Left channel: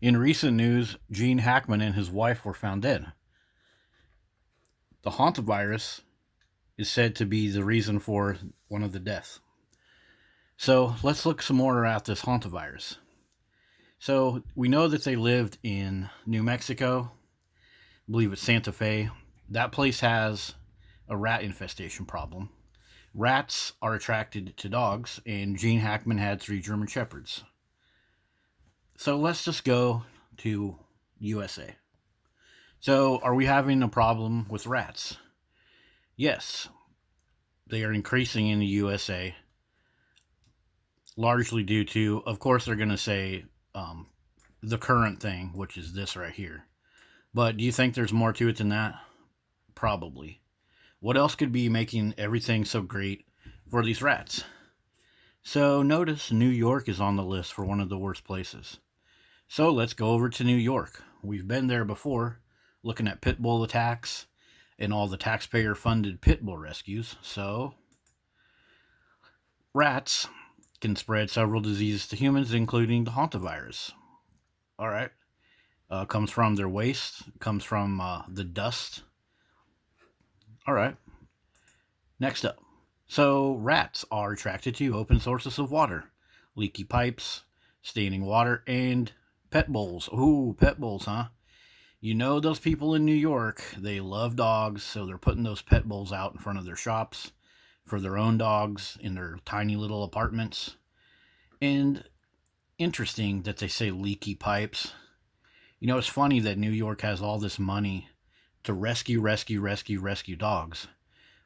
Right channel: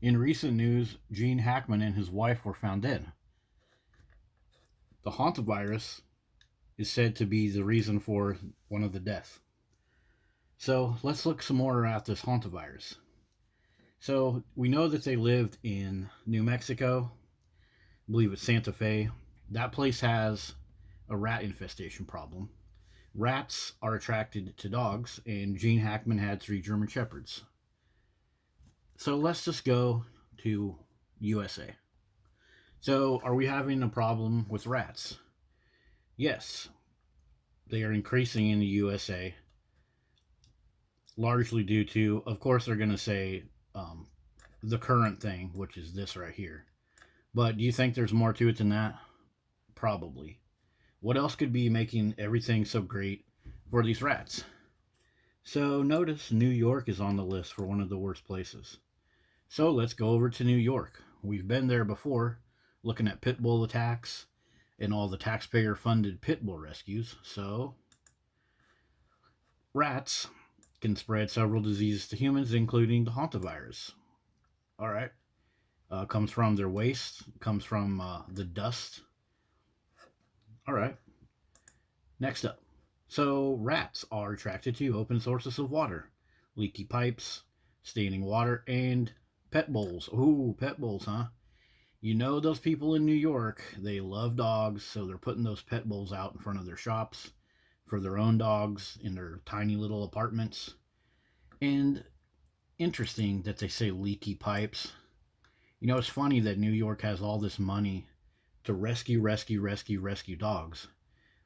In recent news, Gene Hackman and his wife were found dead. The hantavirus is said to be the reason for one of the deaths. So let's look some more at this hantavirus. So we know that they lived in New Mexico, I believe it's Santa Fe. That place has a rat infestation problem. Rats are attracted to dogs, and Gene Hackman had three German Shepherds. So let's just go to USA. So, are we having a problem with rats? Yes, they are increasing in the USA, largely due to, of course, they're going to say the current thing, which is this right here. But do you think there's more to it than that? Probably. What else could be making everything so great for these rats? So, notice New York is on the list for one of the worst places. So, let's go over to New York. We've been there before, looking at pit bull attacks and all the taxpayer funded pit bull rescues. So, rats can spread several diseases to humans, including the hantavirus. All right. Comes from their waste, comes from the dust. All right. Next up. So, rats are attracted to open sources of water, leaky pipes, staining water, and pet bowls. Ooh, pet bowls, huh? You know those people in New York, they love dogs, so they're putting those pet bowls out in front of their shops for their own dogs in their tiny little apartments. And interesting that they say leaky pipes. You know, it's funny that New York has all this money to rescue dogs.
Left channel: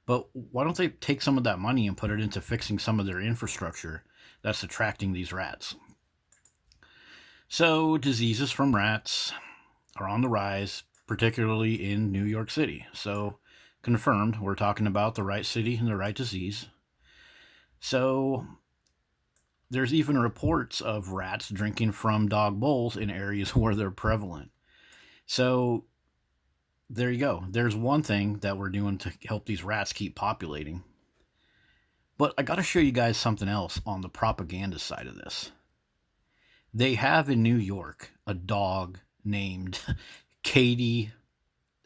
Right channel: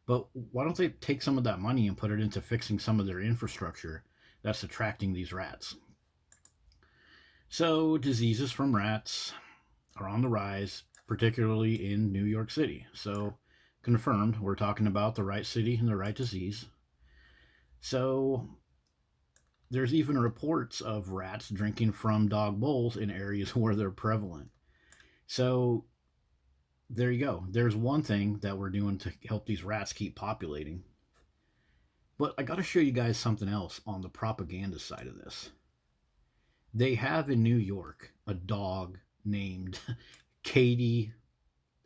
But why don't they take some of that money and put it into fixing some of their infrastructure that's attracting these rats? So, diseases from rats are on the rise, particularly in New York City. So, confirmed, we're talking about the right city and the right disease. So, there's even reports of rats drinking from dog bowls in areas where they're prevalent. So, there you go. There's one thing that we're doing to help these rats keep populating. But I got to show you guys something else on the propaganda side of this. They have in New York a dog named Katie.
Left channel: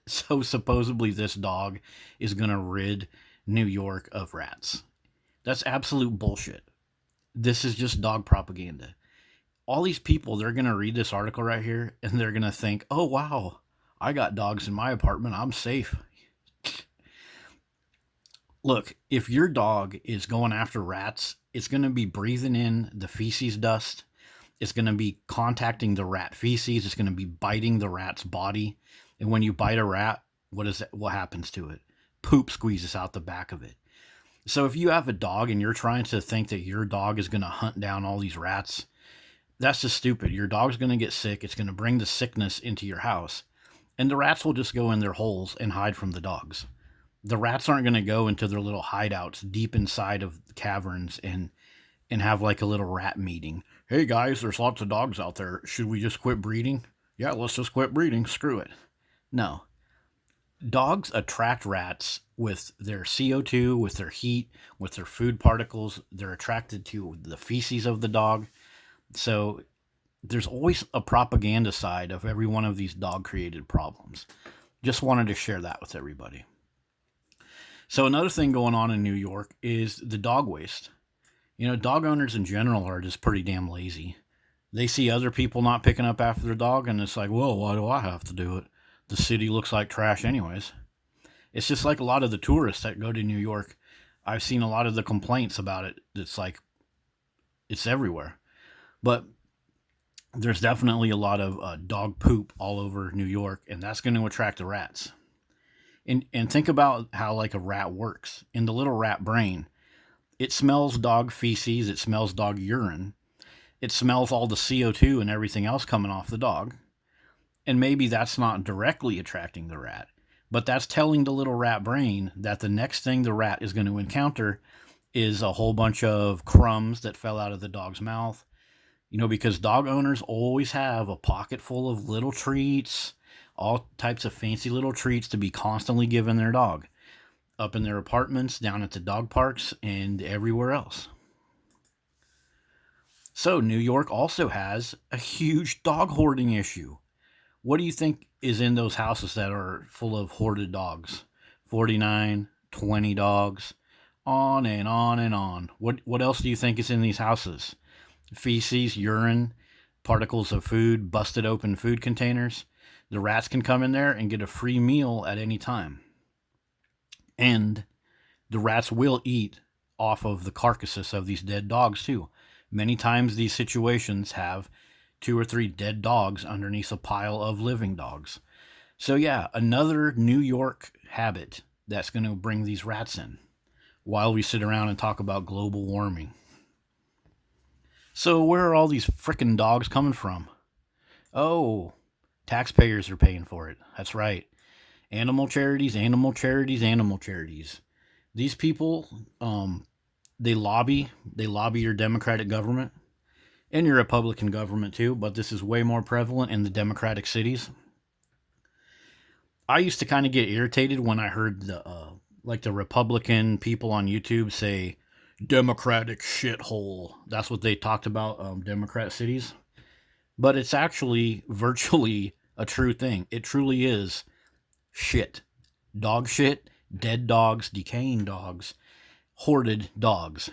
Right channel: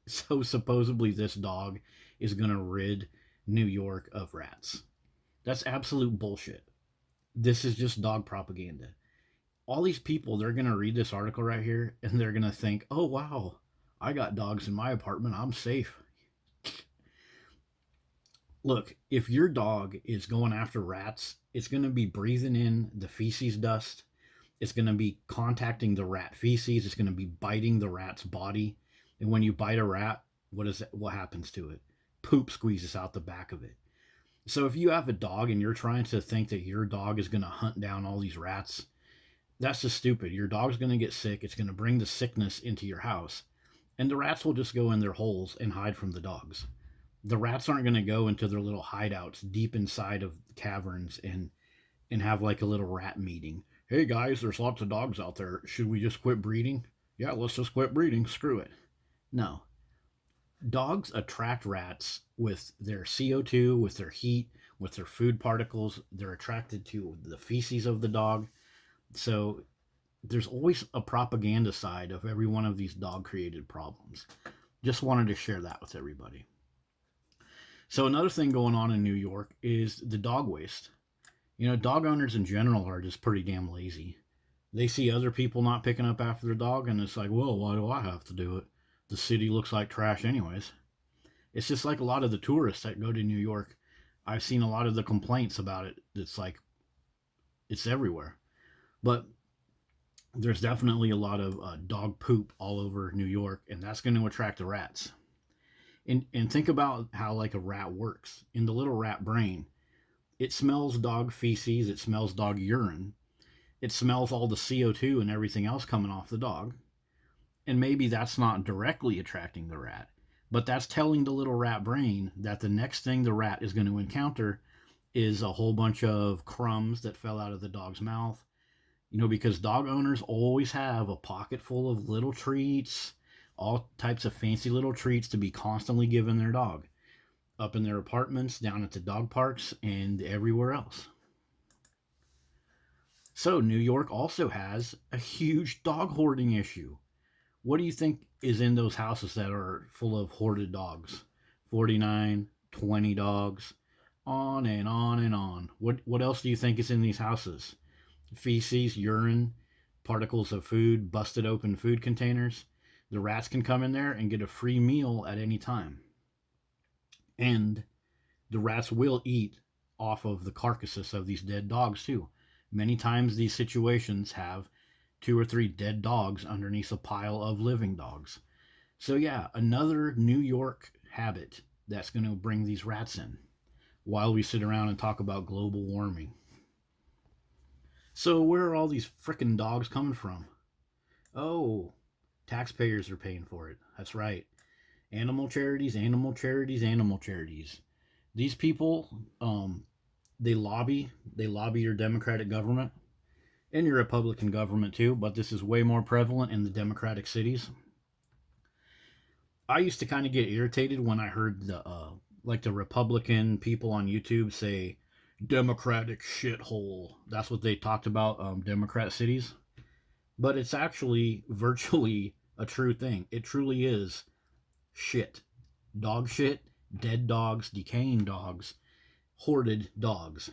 So supposedly this dog is going to rid New York of rats. That's absolute bullshit. This is just dog propaganda. All these people, they're going to read this article right here and they're going to think, oh, wow, I got dogs in my apartment. I'm safe. Look, if your dog is going after rats, it's going to be breathing in the feces dust. It's going to be contacting the rat feces. It's going to be biting the rat's body. And when you bite a rat, what happens to it? Poop squeezes out the back of it. So if you have a dog and you're trying to think that your dog is going to hunt down all these rats, that's just stupid. Your dog's going to get sick. It's going to bring the sickness into your house. And the rats will just go in their holes and hide from the dogs. The rats aren't going to go into their little hideouts deep inside of caverns and have like a little rat meeting. Hey guys, there's lots of dogs out there. Should we just quit breeding? Yeah, let's just quit breeding. Screw it. No. Dogs attract rats with their CO2, with their heat, with their food particles. They're attracted to the feces of the dog. So there's always a propaganda side of every one of these dog created problems. Just wanted to share that with everybody. So another thing going on in New York is the dog waste. You know, dog owners in general are just pretty damn lazy. They see other people not picking up after their dog and it's like, well, why do I have to do it? The city looks like trash anyways. It's just like a lot of the tourists that go to New York. I've seen a lot of the complaints about it. It's like, it's everywhere. But there's definitely a lot of dog poop all over New York, and that's going to attract the rats. And think about how like a rat works. In the little rat brain, it smells dog feces, it smells dog urine, it smells all the CO2 and everything else coming off the dog. And maybe that's not directly attracting the rat, but that's telling the little rat brain that the next thing the rat is going to encounter is a whole bunch of crumbs that fell out of the dog's mouth. You know, because dog owners always have a pocket full of little treats, all types of fancy little treats to be constantly giving their dog up in their apartments, down at the dog parks, and everywhere else. So, New York also has a huge dog hoarding issue. What do you think is in those houses that are full of hoarded dogs? 49, 20 dogs, on and on and on. What else do you think is in these houses? Feces, urine, particles of food, busted open food containers. The rats can come in there and get a free meal at any time. And the rats will eat off of the carcasses of these dead dogs too. Many times these situations have two or three dead dogs underneath a pile of living dogs. So yeah, another New York habit that's going to bring these rats in while we sit around and talk about global warming. So where are all these frickin' dogs coming from? Oh, taxpayers are paying for it. That's right. Animal charities, animal charities, animal charities. These people, they lobby your Democratic government and your Republican government too, but this is way more prevalent in the Democratic cities. I used to kind of get irritated when I heard the Republican people on YouTube say Democratic shithole. That's what they talked about, Democrat cities. But it's actually virtually a true thing. It truly is shit. Dog shit, dead dogs, decaying dogs, hoarded dogs.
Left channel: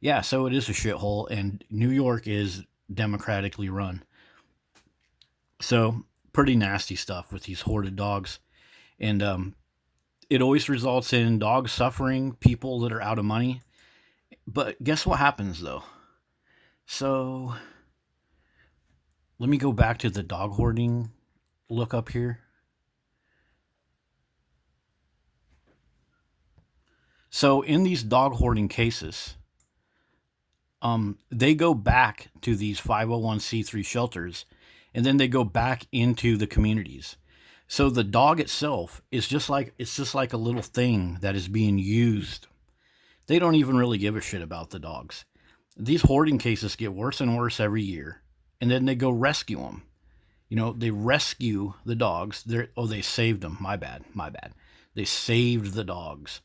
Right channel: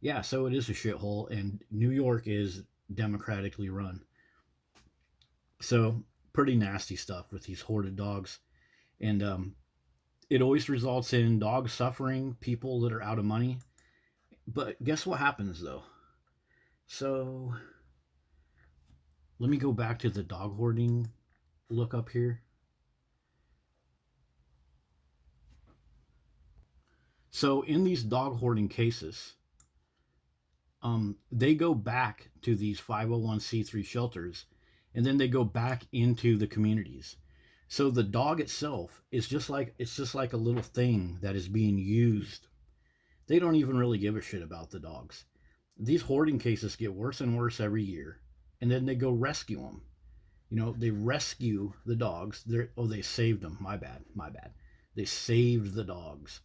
Yeah, so it is a shithole, and New York is democratically run. So, pretty nasty stuff with these hoarded dogs. And it always results in dogs suffering, people that are out of money. But guess what happens though? So, let me go back to the dog hoarding look up here. So, in these dog hoarding cases, they go back to these 501c3 shelters, and then they go back into the communities. So the dog itself is just like a little thing that is being used. They don't even really give a shit about the dogs. These hoarding cases get worse and worse every year, and then they go rescue them. They rescue the dogs. They saved them. My bad, my bad. They saved the dogs.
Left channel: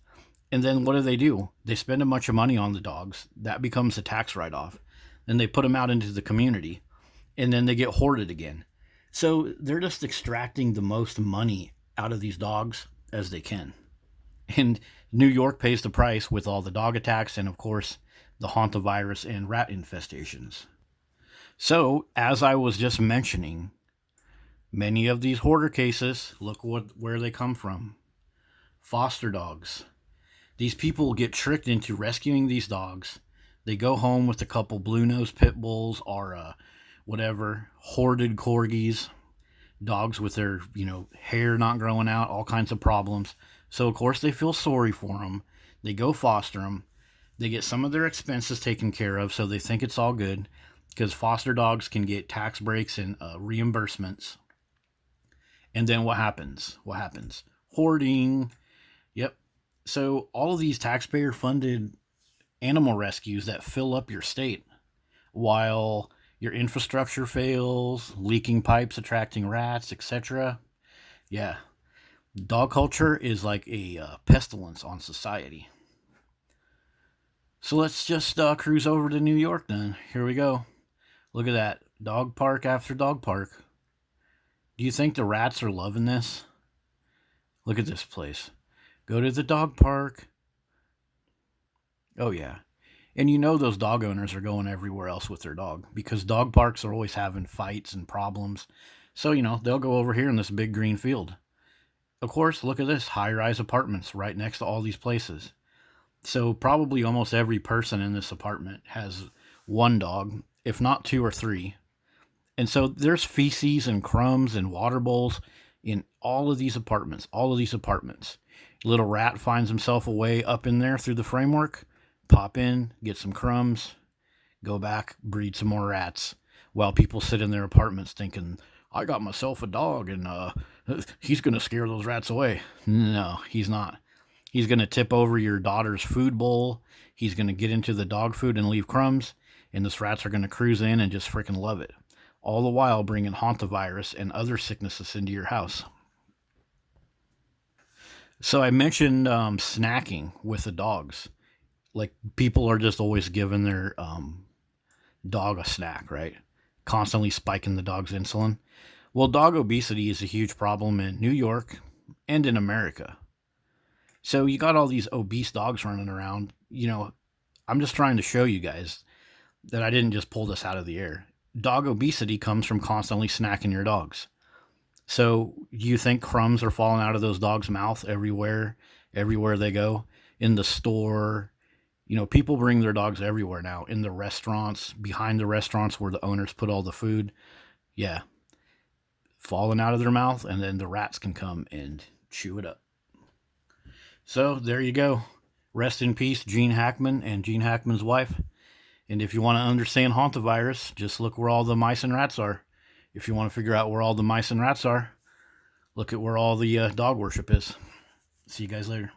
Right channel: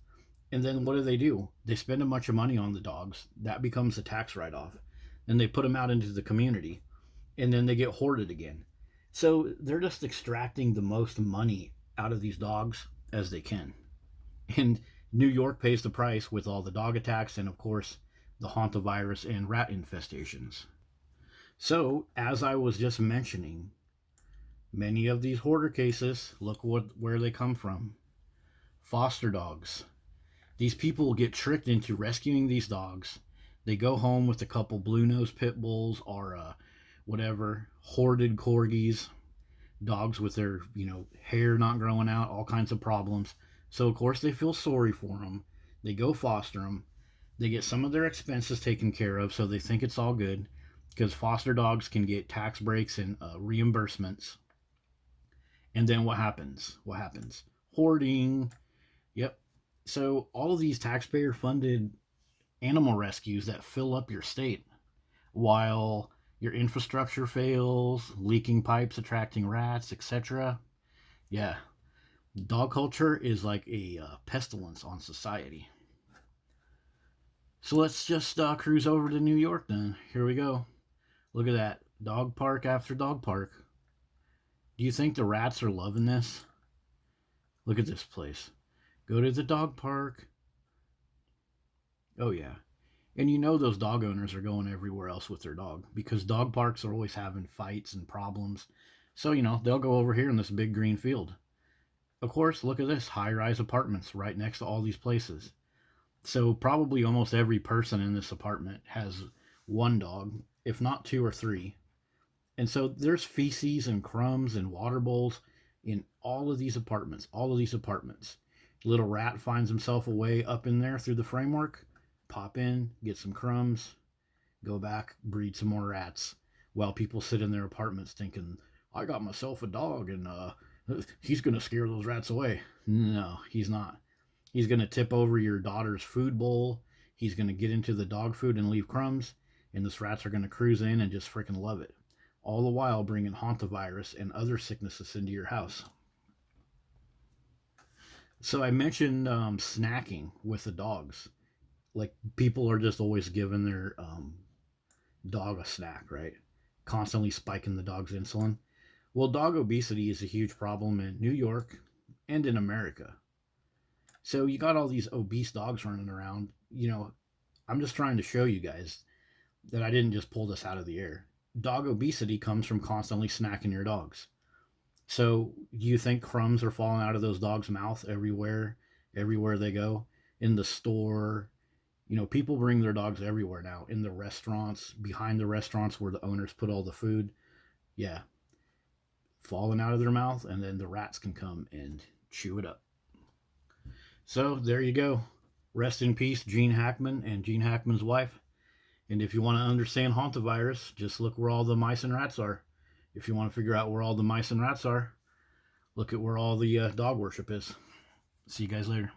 And then what do? They spend a bunch of money on the dogs. That becomes a tax write off. Then they put them out into the community, and then they get hoarded again. So they're just extracting the most money out of these dogs as they can. And New York pays the price with all the dog attacks and, of course, the Hantavirus and rat infestations. So, as I was just mentioning, many of these hoarder cases, look where they come from. Foster dogs. These people get tricked into rescuing these dogs. They go home with a couple blue nose pit bulls or whatever, hoarded corgis, dogs with their, hair not growing out, all kinds of problems. So, of course, they feel sorry for them. They go foster them. They get some of their expenses taken care of, so they think it's all good because foster dogs can get tax breaks and reimbursements. And then what happens? What happens? Hoarding. Yep. So, all of these taxpayer funded animal rescues that fill up your state while your infrastructure fails, leaking pipes attracting rats, etc. Yeah, dog culture is like a pestilence on society. So let's just cruise over to New York then. Here we go. Look at that. Dog park after dog park. Do you think the rats are loving this? Look at this place. Go to the dog park. Oh, yeah. And those dog owners are going everywhere else with their dog because dog parks are always having fights and problems. So, they'll go over here in this big green field. Of course, look at this, high-rise apartments right next to all these places. So probably almost every person in this apartment has one dog, if not two or three. And so there's feces and crumbs and water bowls in all of these apartments, all of these apartments. Little rat finds himself a way up in there through the framework, pop in, get some crumbs, go back, breed some more rats, while people sit in their apartments thinking, I got myself a dog and he's going to scare those rats away. No, he's not. He's going to tip over your daughter's food bowl. He's going to get into the dog food and leave crumbs, and those rats are going to cruise in and just freaking love it. All the while bringing hantavirus and other sicknesses into your house. So I mentioned snacking with the dogs. Like people are just always giving dog a snack, right? Constantly spiking the dog's insulin. Well, dog obesity is a huge problem in New York and in America. So you got all these obese dogs running around. I'm just trying to show you guys that I didn't just pull this out of the air. Dog obesity comes from constantly snacking your dogs. So you think crumbs are falling out of those dogs' mouth everywhere they go, in the store? People bring their dogs everywhere now, in the restaurants, behind the restaurants where the owners put all the food. Yeah, falling out of their mouth, and then the rats can come and chew it up. So there you go. Rest in peace, Gene Hackman and Gene Hackman's wife. And if you want to understand hantavirus, just look where all the mice and rats are. If you want to figure out where all the mice and rats are, look at where all the dog worship is. See you guys later.